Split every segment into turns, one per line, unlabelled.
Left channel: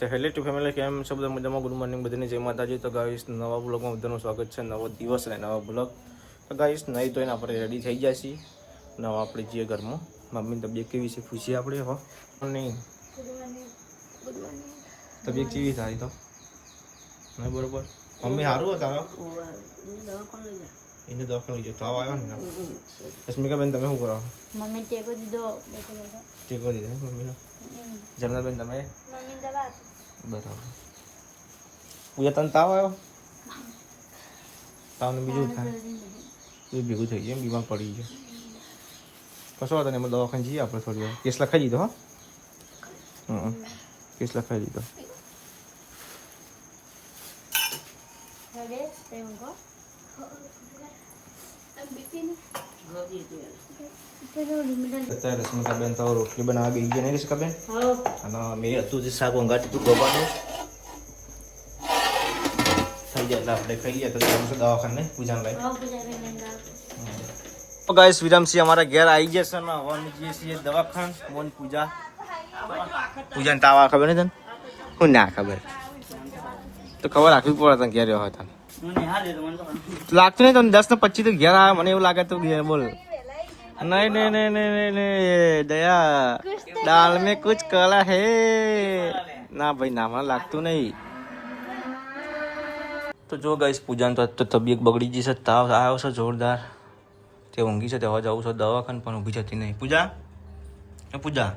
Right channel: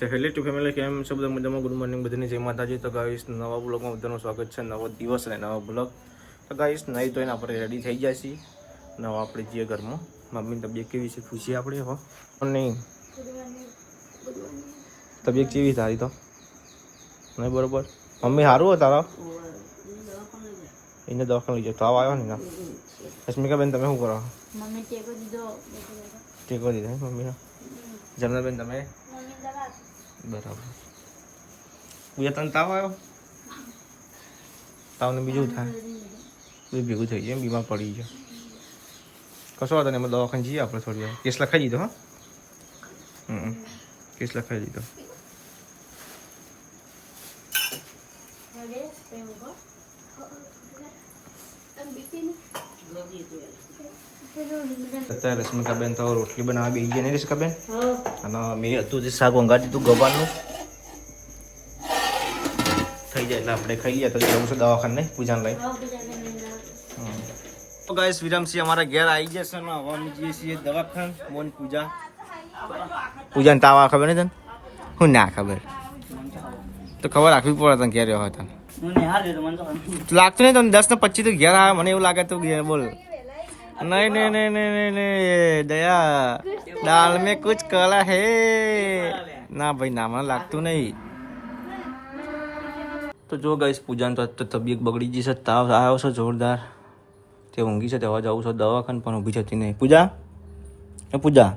તો hello two family કેમ છે બધા મજામાં? ગુડ મોર્નિંગ બધાને. જય માતાજી. તો ગાઈશ નવા બ્લોગમાં બધાનું સ્વાગત છે. નવો દિવસ અને નવા બ્લોગ તો ગાઈશ નહીં તો એને આપણે રેડી થઈ ગયા છીએ. નવા આપણે જઈએ ઘરમાં. મમ્મીની તબિયત કેવી છે? ખુશી આપણે હો? નહીં? તબિયત કેવી તારી તો? નહીં બરોબર? મમ્મી સારું હો તારા? એને દવાખાને લઈ જાય તાવ આવ્યો ને રશ્મિકાબેન તમે શું કરો?
મમ્મી ટેકો દીધો.
ટેકો દીધા મમ્મીનો? જમનાબેન તમે? બરાબર. પૂજા તને તાવ આવ્યો? તાવને બીજું થાય. બધું ભેગું થઈ જાય એમ બીમાર પડી ગયો. કશો વાંધો નહીં અમે દવાખાને જઈએ આપણે થોડી વાર. કેસ લખાઈ દીધો હા? હમ કેસ લખાઈ દીધો.
કો.
અત્યારે રશ્મિકાબેન તો રોટલી બનાવવા બેસી ગયા નહીં રશ્મિકાબેન અને મેં હતું જે શાક વંગાટી તું ગવાનું થઈ જાય એટલે આપણે ખાઈ ગયા તો જવું છે દવાખાને નહીં પૂજાને લઈ તો ગાઈસ વિરામસિંહ અમારા ઘેર આવી ગયા છે ને હવે અમે જઈએ છીએ દવાખાન મોન પૂજા પૂજાને તાવ આ ખબર ને તને હું ના ખબર તો ખબર રાખવી પડે તને ઘેર રહ્યો હતા લાગતું નહીં તમે દસ ને પચીસ તો ઘેર આવે, મને એવું લાગે તો ઘેર બોલ. નહીં નહીં નહીં નહીં નહીં દયા. દાલ મેં કુછ કલા હે. ના ભાઈ, ના, મને લાગતું નહીં. તો જો ગઈશ પૂજાને તો તબિયત બગડી જશે તાવ આવ્યો છે જોરદાર. તે ઊંઘી છે, તે અવાજ આવું છે, દવાખાને પણ ઊભી જતી નહીં. પૂજા? એ પૂજા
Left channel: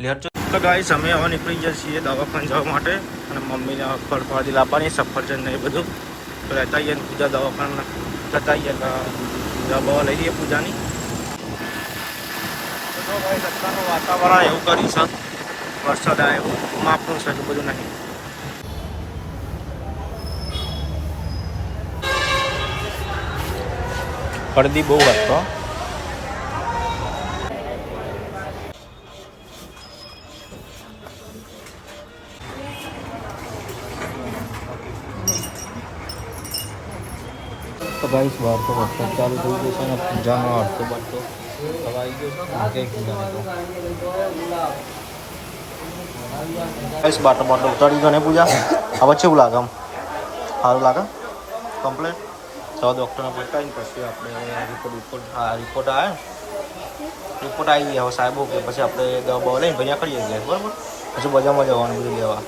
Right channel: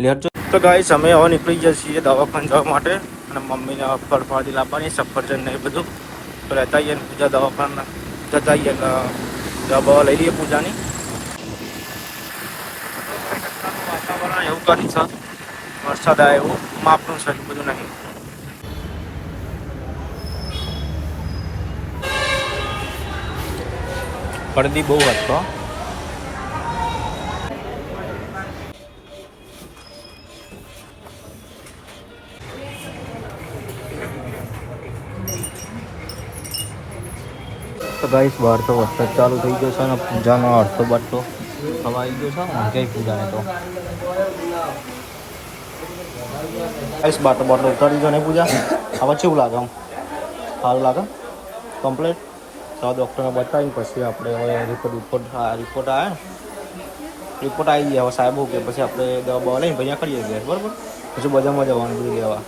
લેર તો ગાઈસ અમે હવે નીકળી જઈએ દવાખાને જવા માટે. અને મમ્મીને ફળ ફળથી લાવવાની, સફરજન ને બધું. રહેતા આવીએ ને પૂજા દવાખાને તો દવા લઈ લઈએ પૂજાની. વાતાવરણ એવું કરી છે. વરસાદ આવે એવું માપનું છે બધું નહીં. પડદી બહુ હતો. તો બહાર તો વરસાદ ચાલુ થઈ ગયો છે અને પૂજાનો અડધો બાટો ખવાઈ ગયો છે પૂજા પૂજાને તો. ગાઈસ તો બાટલો ઉતારી ગયો ને પૂજા? હવે કેવું લાગે આમ? સારું લાગે? કમ્પ્લેટ? તો ડૉક્ટરને બતાવીને પછી આપણે રિપોર્ટ રિપોર્ટ આ રિપોર્ટ આવે રિપોર્ટ આવી ગયા હવે સાહેબ કે પછી આપણે દવા બવા લઈને પછી કરીએ ગયા બરાબર? પછી બજારમાં જવાનું, બધું લેવા.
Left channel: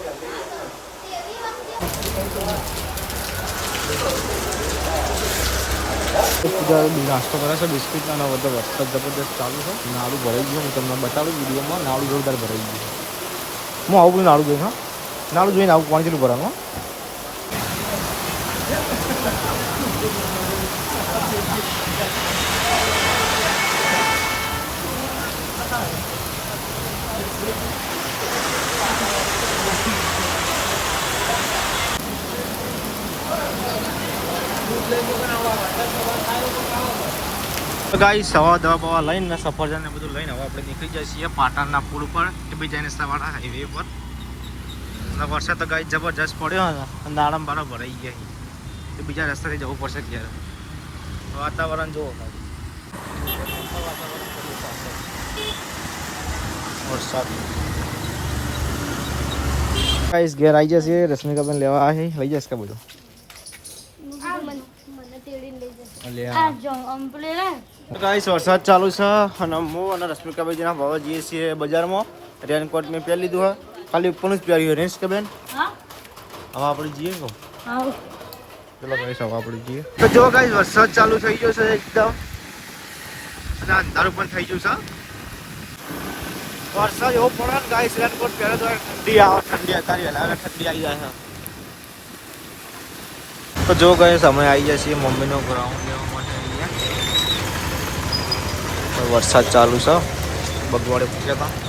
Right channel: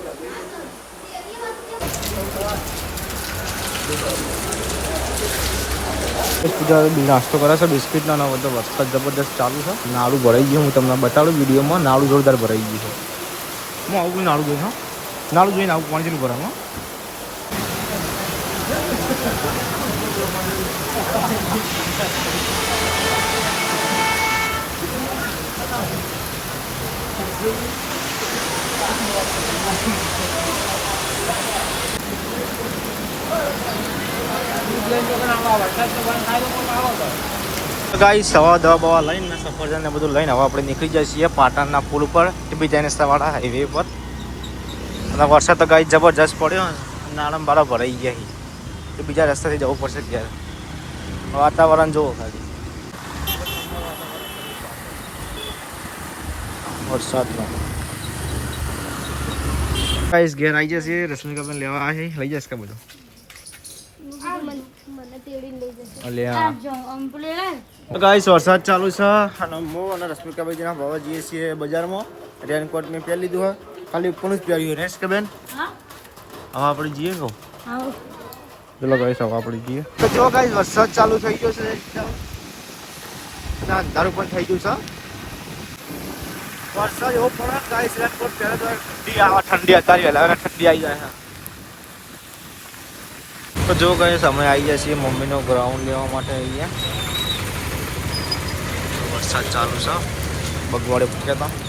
પૂજા કરે છે બિસ્કિટના ના બધો વરસાદ જબરદસ્ત ચાલુ છે. નાળું ભરાઈ ગયું, હું તમને બતાડું વિડીયોમાં નાળું જોરદાર ભરાઈ ગયું છે. હું આવું બધું નાળું જોઈશ નાળું જોઈને આવું, પાણી જેટલું ભરવાનું હો. ગાઈ સવા દવા, બવા લઈને સફરજન ને બધું લઈને હવે આપણે નીકળી જઈએ છીએ પાટણના પુલ પર ટીબી જઈને વાળા હાઈવે પર અને વરસાદ તો ગાઈ જબરજસ્ત પડ્યો ને નાળમ બારા ભરાઈ ગયા એ બીજા રસ્તાથી જવું પડશે ત્યારે વાતાવરણ જુઓ ખાલી. વરસાદનું ગાઈસ ઘેર આવી જશે, રશ્મિકાબેન લેવા આવી લઈ જશે કે બધું
મને તેડીને લઈ જશે
લે
આ જો અમ્પલેલા
ગાઈસ વરસાદ ચાલુ છે અને હું અને રશ્મિકાભાઈજીના ભાવા જઈએ છીએ બજારમાં. રેનકોટ મેં પહેરી લીધું હોય. ખાલી ઉપરનું જ પહેર્યું રીલ્સ કે બેન? હવે આપણે જઈએ કહો. ચલો ગાઈસ હવે આપણે જઈએ. તો જો ગાઈસ વરસાદ ચાલુ થઈ ગયો છે એકદમ. અને અંધારું પણ થઈ ગયું છે. વરસાદ એવો પડે ગાઈસ રેનકોટ પહેરે તો ઠંડી આવે ઠંડી અત્યારે ઠંડી આવી જાય છે. તો જો કઈ સમય આવી જાય છીએ મમ્મીનો ગ્રાઉન્ડ લેવા માટે અહીંયા. વરસાદ ચાલુ છે. બગવાડે પૂછ્યા હતા.